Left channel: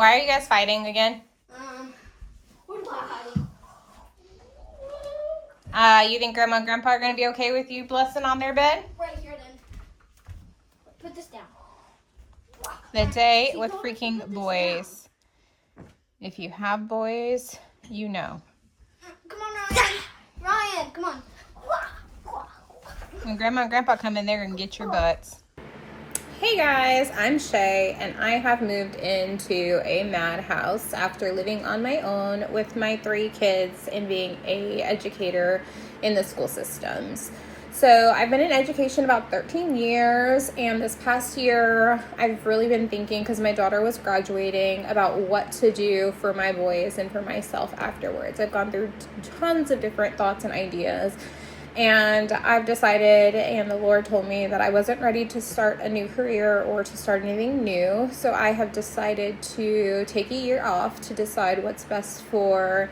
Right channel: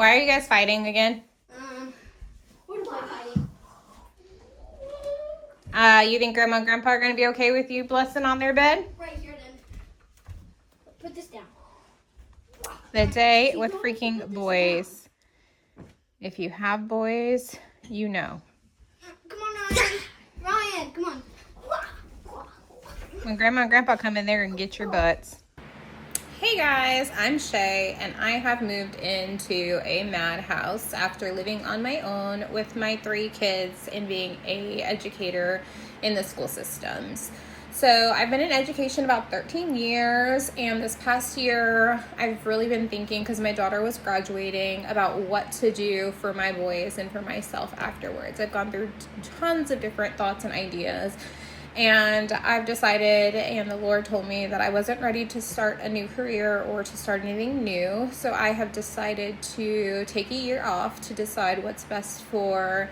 Why are you guys fighting again? We're not fighting. You think Grandma and Grandpa are going to be okay with you blessing on their bed? Right here then. Put this down. The day with freaking boys. If you have boys, you know. Come on, Ryan. Ryan, come on. When Grandma and Grandpa come in there and get your butts. Hey guys, I'm Shay and I have moved into a Madhouse after living on my own with my 3 kids and being an educator in the school systems. So I've been in education about 13 years, and this past year I've really been thinking, because my daughter was graduating, about what to do for my boys and for myself afterwards. I've gone through tons of different thoughts and ideas, and I've decided, and the Lord told me that I wasn't ready to start a new career or to start anything new. So I have decided to take a year off to decide what's best for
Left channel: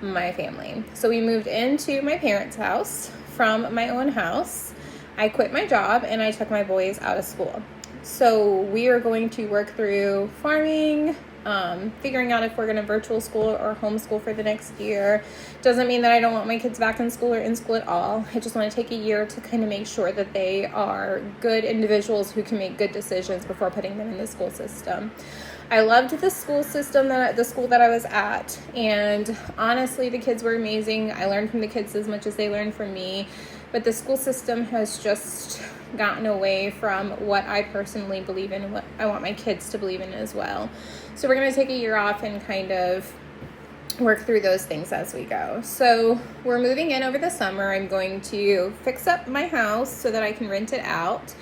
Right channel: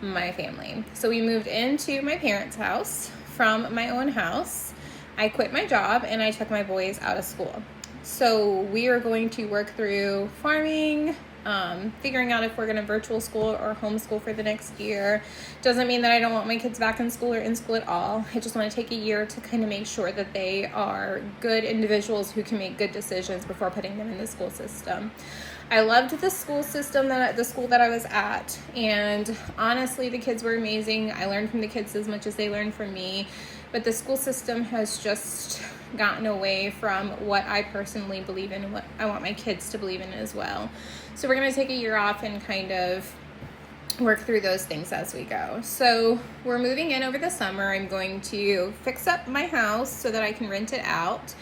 my family. So we moved into my parents' house from my own house. I quit my job and I took my boys out of school. So we are going to work through farming, figuring out if we're going to virtual school or homeschool for the next year. Doesn't mean that I don't want my kids back in school or in school at all. I just want to take a year to kind of make sure that they are good individuals who can make good decisions before putting them in the school system. I loved the school system, the school that I was at, and honestly the kids were amazing. I learned from the kids as much as they learned from me, but the school system has just gotten away from what I personally believe in and what I want my kids to believe in as well. So we're going to take a year off and kind of work through those things as we go. So we're moving in over the summer. I'm going to fix up my house so that I can rent it out.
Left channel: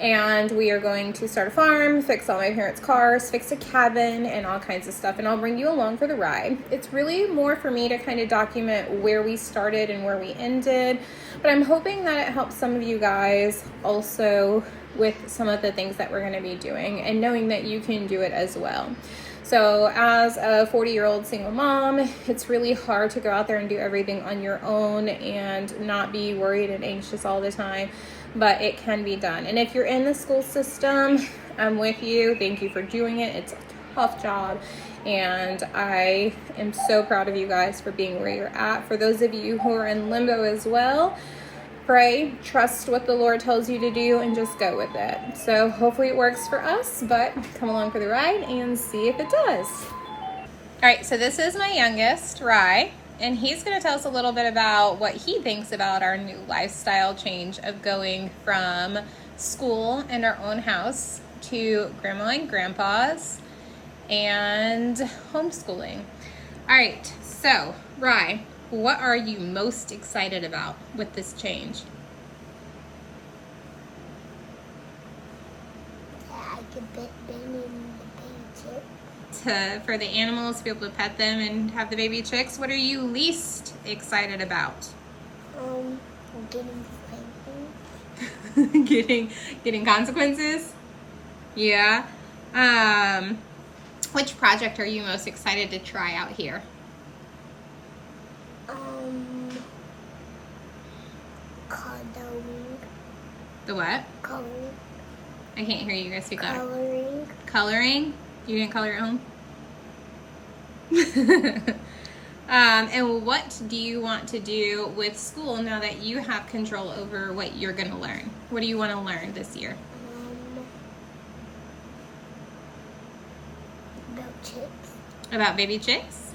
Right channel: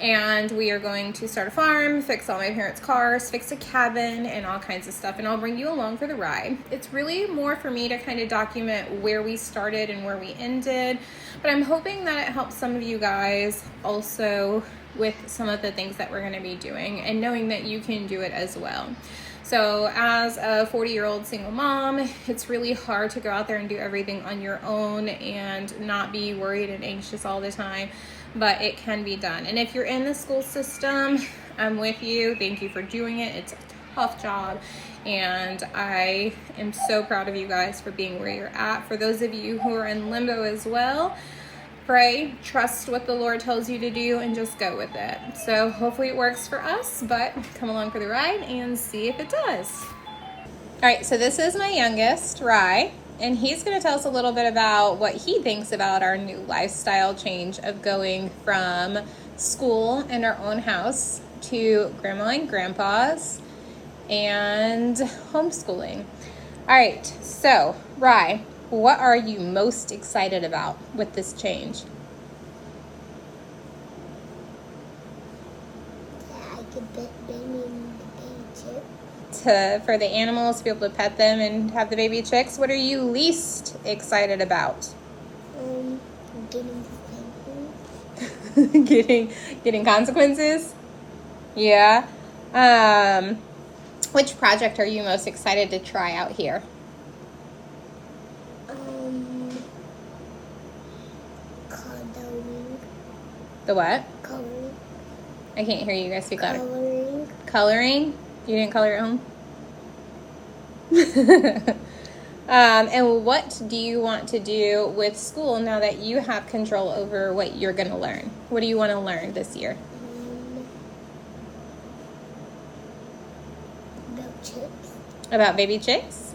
And we are going to start a farm, fix all my parents' cars, fix a cabin, and all kinds of stuff. And I'll bring you along for the ride. It's really more for me to kind of document where we started and where we ended. But I'm hoping that it helps some of you guys also with some of the things that we're going to be doing and knowing that you can do it as well. So as a 40-year-old single mom, it's really hard to go out there and do everything on your own and not be worried and anxious all the time, but it can be done. And if you're in the school system, I'm with you. Thank you for doing it. It's a tough job, and I am so proud of you guys for being where you're at. For those of you who are in limbo as well, pray, trust what the Lord tells you to do, and just go with it. So hopefully it works for us, but come along for the ride and see if it does. All right, so this is my youngest, Rye, and he's going to tell us a little bit about what he thinks about our new lifestyle change of going from school in our own house to Grandma and Grandpa's and homeschooling. All right, so Rye, what are you most excited about with this change? I could pet them in the picture. For the animals to be able to pet them and have the baby chicks. What are you least excited about? Getting spankings. getting consequences? Yeah. Which project are you most excited to try out here? Coloring. The what? Coloring. I can't hear you guys speak loud. Coloring. Coloring? You didn't color at home? And what do you want to do with school now that you have control over what you're going to learn? What do you want to learn this year? About chicks. About baby chicks?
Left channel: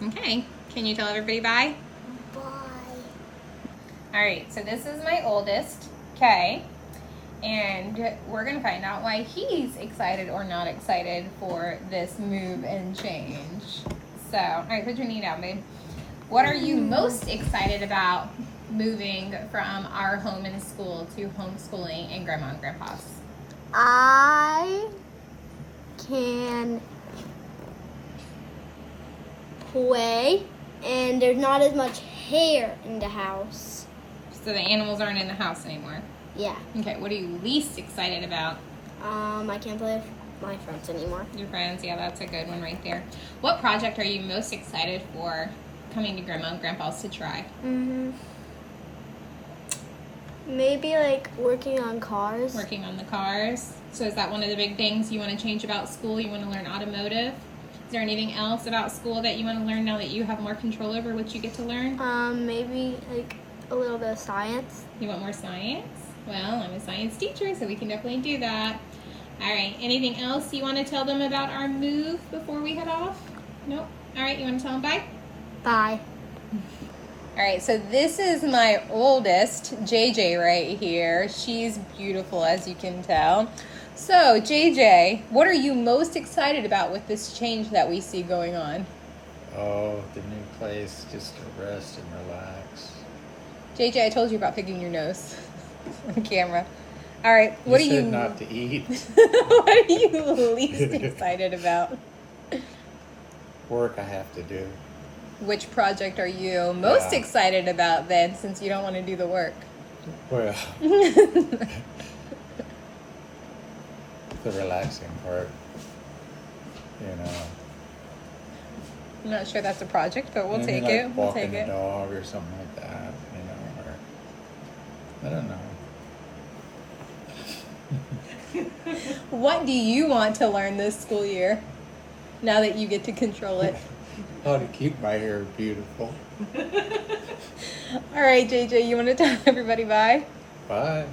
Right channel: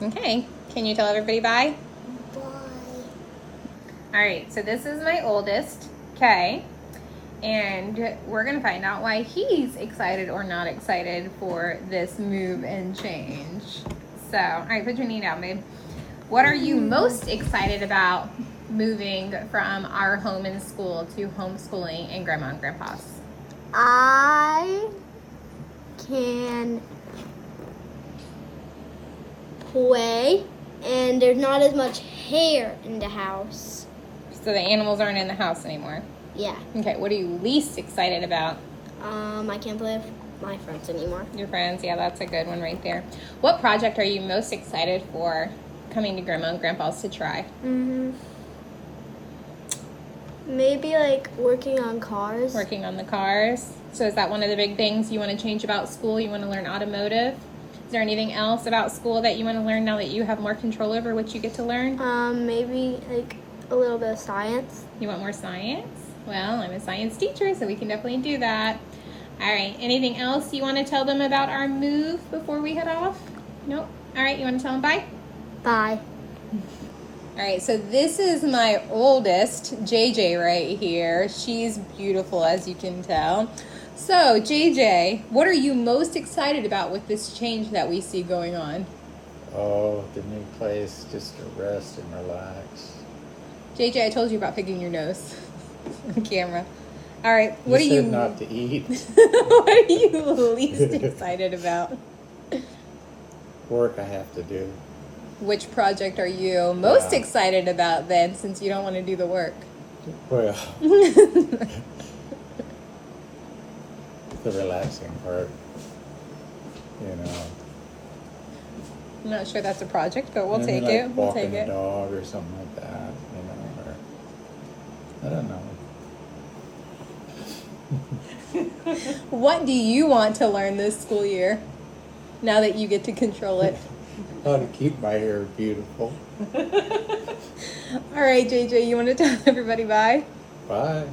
Okay. Can you tell everybody bye? Bye. All right, so this is my oldest, Kay, and we're going to find out why he's excited or not excited for this move and change. So, all right, put your knee down, babe. What are you most excited about moving from our home and school to homeschooling and Grandma and Grandpa's? I can play, and there's not as much hair in the house. So the animals aren't in the house anymore. Yeah. Okay, what are you least excited about? I can't play with my friends anymore. Your friends, yeah, that's a good one right there. What project are you most excited for coming to Grandma and Grandpa's to try? Maybe like working on cars. Working on the cars. So is that one of the big things you want to change about school? You want to learn automotive? there anything else about school that you want to learn now that you have more control over what you get to learn? Maybe like a little bit of science. You want more science? Well, I'm a science teacher, so we can definitely do that. All right, anything else you want to tell them about our move before we head off? Nope. All right, you want to tell them bye? Bye. All right, so this is my oldest, JJ, right here. She's beautiful, as you can tell. So, JJ, what are you most excited about with this change that we see going on? Oh, the new place, just to rest and relax. JJ, I told you about picking your nose on camera. All right, what You are said you not to eat. what are you least excited about? Work I have to do. Which project are you most Yeah. excited about then, since you don't want to do the work? Well, the relaxing part, you know. I'm not sure that's a project, but we'll And take like it. We'll walking take the it. dog or something like that, you know, or I don't know. What do you want to learn this school year, now that you get to control it? How to keep my hair beautiful. All right, JJ, you want to tell everybody bye? Bye.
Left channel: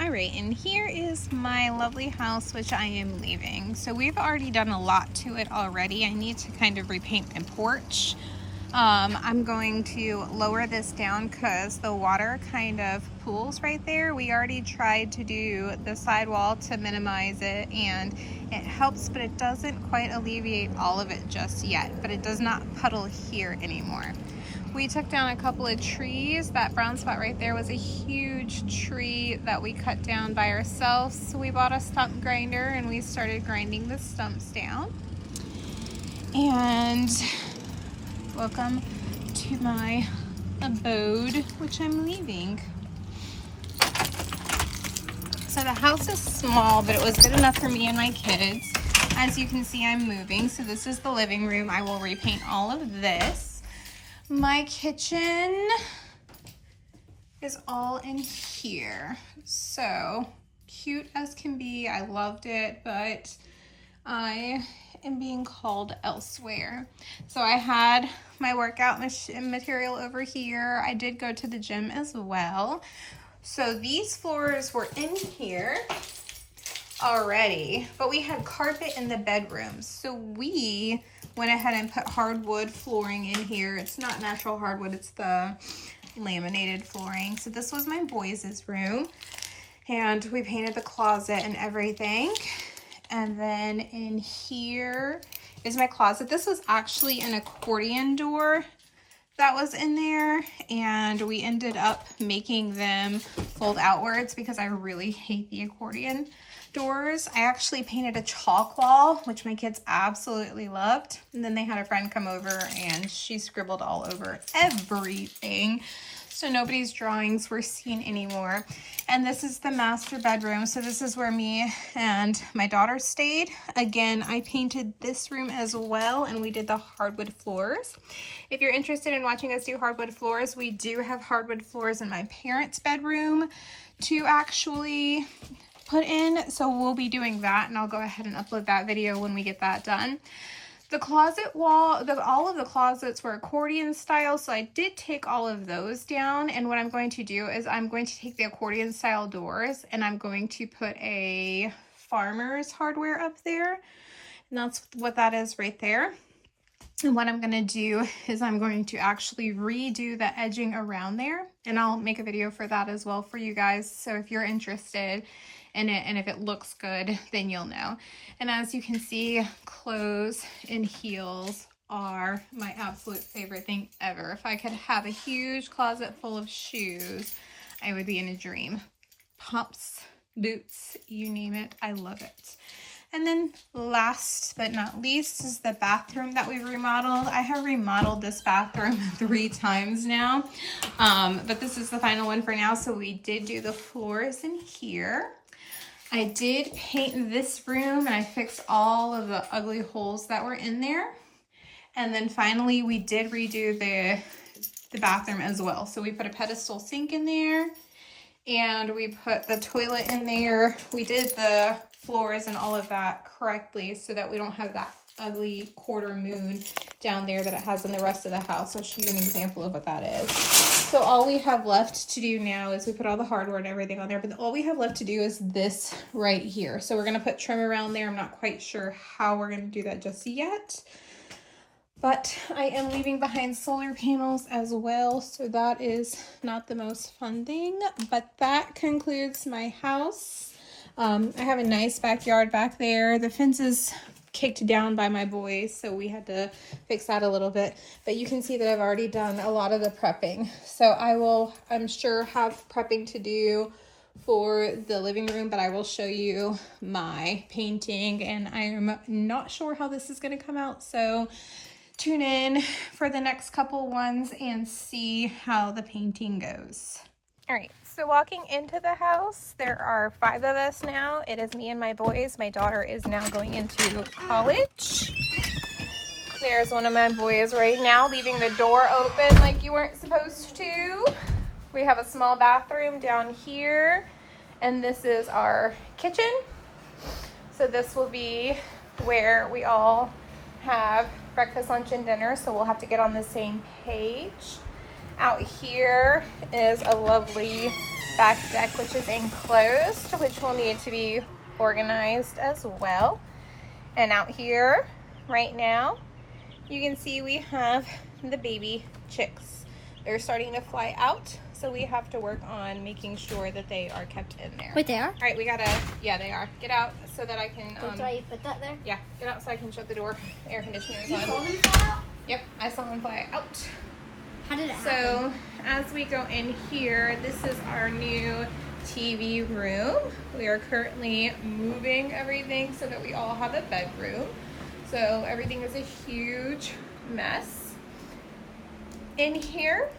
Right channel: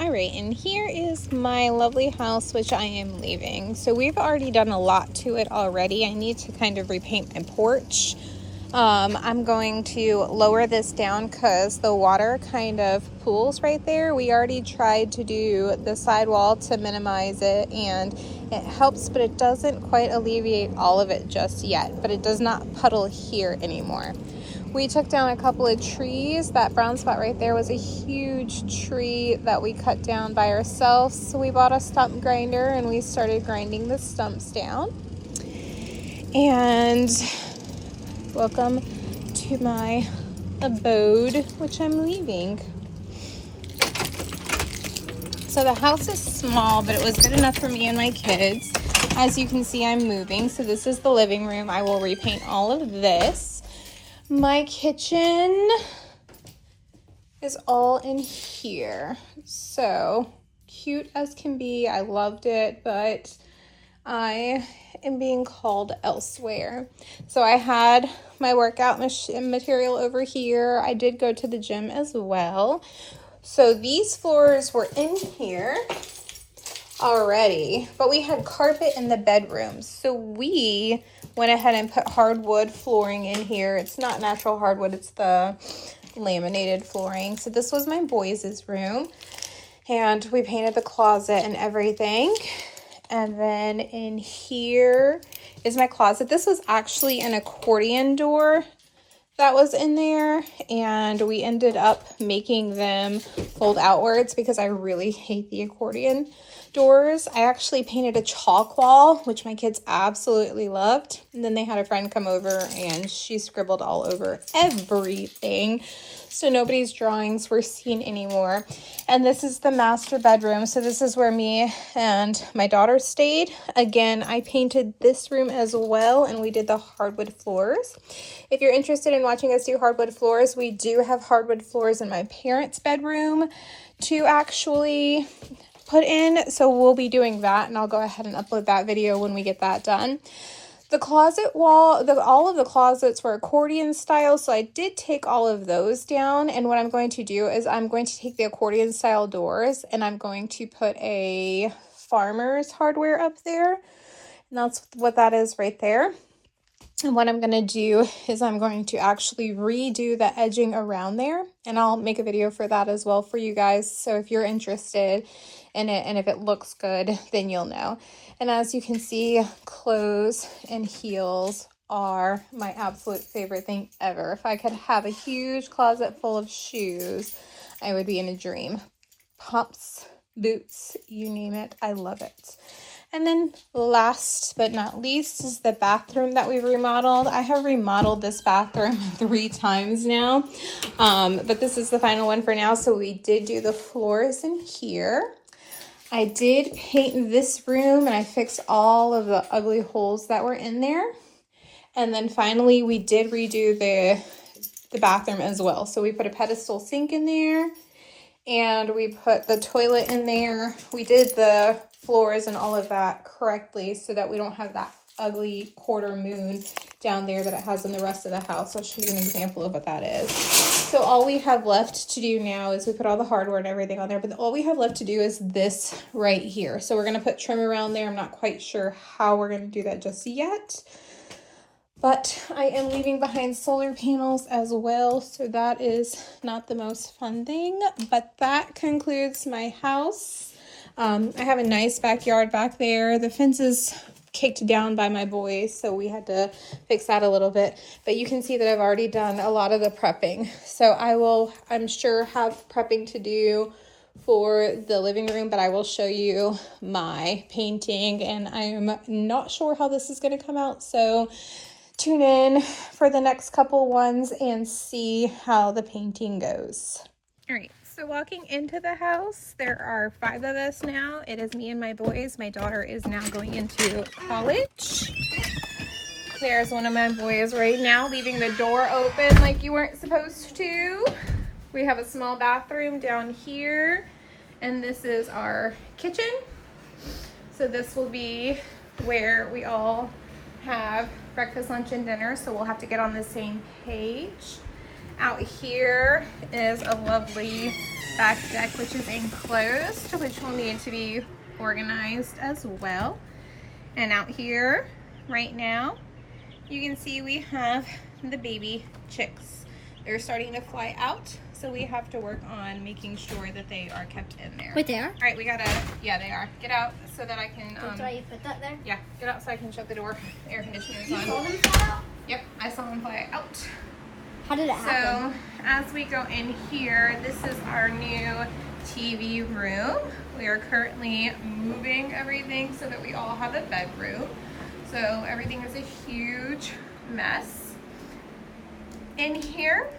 All right, and here is my lovely house, which I am leaving. So we've already done a lot to it already. I need to kind of repaint my porch. I'm going to lower this down because the water kind of pools right there. We already tried to do the sidewall to minimize it, and it helps, but it doesn't quite alleviate all of it just yet. But it does not puddle here anymore. We took down a couple of trees. That brown spot right there was a huge tree that we cut down by ourselves. So we bought a stump grinder and we started grinding the stumps down. And welcome to my abode, which I'm leaving. So the house is small, but it was good enough for me and my kids. As you can see, I'm moving. So this is the living room. I will repaint all of this. My kitchen is all in here. So cute as can be. I loved it, but I am being called elsewhere. So I had my workout material over here. I did go to the gym as well. So these floors were in here already, but we had carpet in the bedrooms. So we went ahead and put hardwood flooring in here. It's not natural hardwood, it's the laminated flooring. So this was my boys' room, and we painted the closet and everything. And then in here is my closet. This was actually an accordion door that was in there, and we ended up making them fold outwards because I really hate the accordion doors. I actually painted a chalk wall, which my kids absolutely loved. And then they had a friend come over and she scribbled all over everything. So nobody's drawings were seen anymore. And this is the master bedroom. So this is where me and my daughter stayed. Again, I painted this room as well, and we did the hardwood floors. If you're interested in watching us do hardwood floors, we do have hardwood floors in my parents' bedroom to actually put in. So we'll be doing that, and I'll go ahead and upload that video when we get that done. The closet wall, all of the closets were accordion style, so I did take all of those down. And what I'm going to do is I'm going to take the accordion style doors and I'm going to put a Farmer's Hardware up there. And that's what that is right there. And what I'm going to do is I'm going to actually redo the edging around there, and I'll make a video for that as well for you guys. So if you're interested in it and if it looks good, then you'll know. And as you can see, clothes and heels are my absolute favorite thing ever. If I could have a huge closet full of shoes, I would be in a dream. Pumps, boots, you name it, I love it. And then last but not least is the bathroom that we remodeled. I have remodeled this bathroom 3 times now, but this is the final one for now. So we did do the floors in here. I did paint this room and I fixed all of the ugly holes that were in there. And then finally we did redo the bathroom as well. So we put a pedestal sink in there and we put the toilet in there. We did the floors and all of that correctly so that we don't have that ugly quarter moon down there that it has in the rest of the house. I'll show you an example of what that is. So all we have left to do now is we put all the hardware and everything on there, but all we have left to do is this right here. So we're going to put trim around there. I'm not quite sure how we're going to do that just yet. But I am leaving behind solar panels as well, so that is not the most fun thing. But that concludes my house. I have a nice backyard back there. The fence is kicked down by my boys, so we had to fix that a little bit. But you can see that I've already done a lot of the prepping. So I will, I'm sure, have prepping to do for the living room, but I will show you my painting, and I'm not sure how this is going to come out. So tune in for the next couple ones and see how the painting goes. All right, so walking into the house, there are 5 of us now. It is me and my boys. My daughter is now going into college. There's one of my boys right now leaving the door open like you weren't supposed to. We have a small bathroom down here, and this is our kitchen. So this will be where we all have breakfast, lunch, and dinner, so we'll have to get on the same page. Out here is a lovely back deck, which is enclosed, which will need to be organized as well. And out here right now, you can see we have the baby chicks. They're starting to fly out, so we have to work on making sure that they are kept in there. Wait, they are? All right, we gotta, yeah, they are. Get out so that I can, That's why you put that there? yeah, get out so I can shut the door. The air conditioner is You on. saw them fly out? Yep, I saw them fly out. How did it happen? So as we go in here, this is our new TV room. We are currently moving everything so that we all have a bedroom. So everything is a huge mess. In here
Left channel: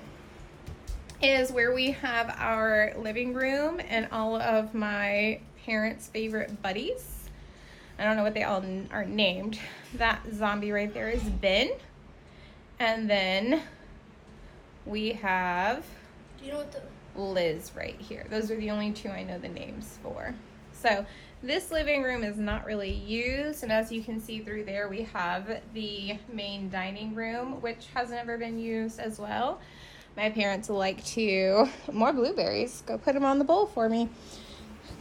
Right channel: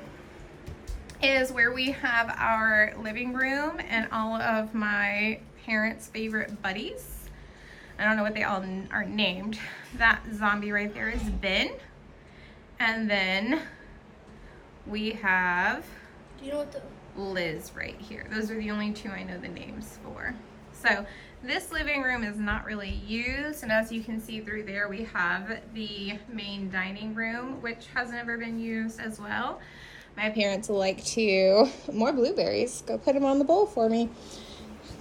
is where we have our living room and all of my parents' favorite buddies. I don't know what they all are named. That zombie right there is Ben. And then we have Do you know what the... Liz right here. Those are the only 2 I know the names for. So this living room is not really used, and as you can see through there, we have the main dining room, which has never been used as well. My parents like to, more blueberries, go put them on the bowl for me.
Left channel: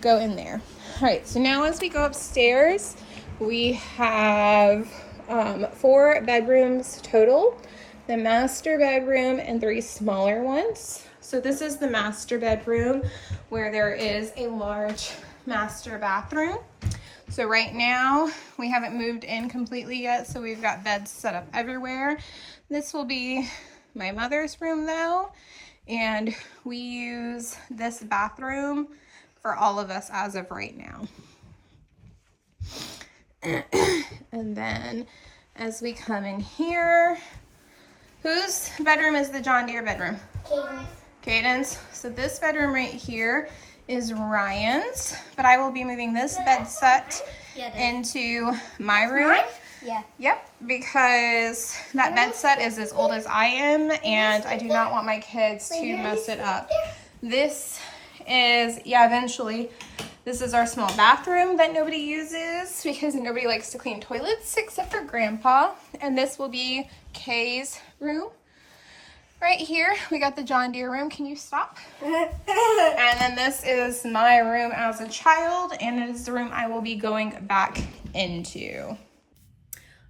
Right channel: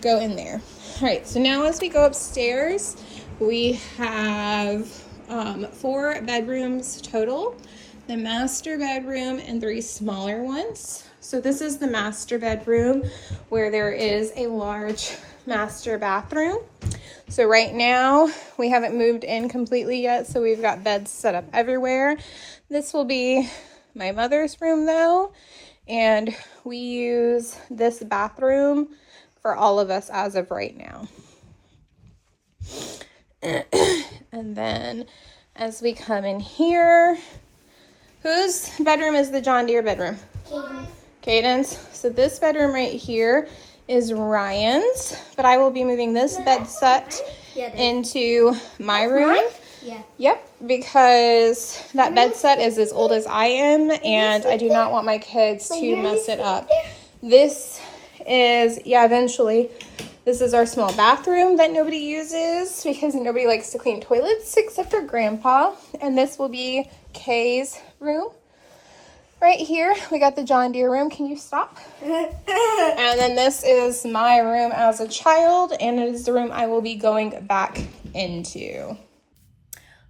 Go in there. All right, so now as we go upstairs, we have 4 bedrooms total, the master bedroom and 3 smaller ones. So this is the master bedroom where there is a large master bathroom. So right now we haven't moved in completely yet, so we've got beds set up everywhere. This will be my mother's room though, and we use this bathroom for all of us as of right now. And then as we come in here, whose bedroom is the John Deere bedroom? Caden's. So this bedroom right here is Ryan's, but I will be moving this bed set into my room. Yeah. Yep, because that bed set is as old as I am, and I do not want my kids to mess it up. This is, yeah, eventually, this is our small bathroom that nobody uses because nobody likes to clean toilets except for Grandpa. And this will be Kay's room. Right here, we got the John Deere room. Can you stop? And then this is my room as a child, and it is the room I will be going back into.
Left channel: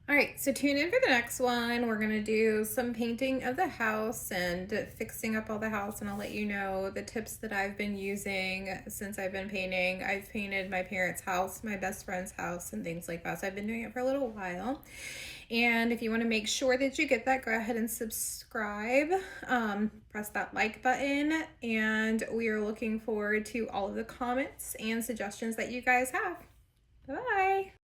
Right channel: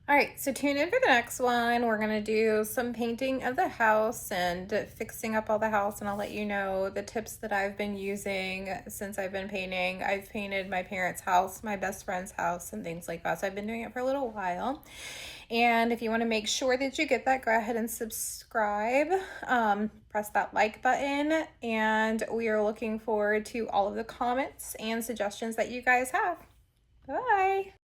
All right, so tune in for the next one. We're gonna do some painting of the house and fixing up all the house, and I'll let you know the tips that I've been using since I've been painting. I've painted my parents' house, my best friend's house, and things like that. So I've been doing it for a little while. And if you want to make sure that you get that, go ahead and subscribe. Press that like button, and we are looking forward to all of the comments and suggestions that you guys have. Bye.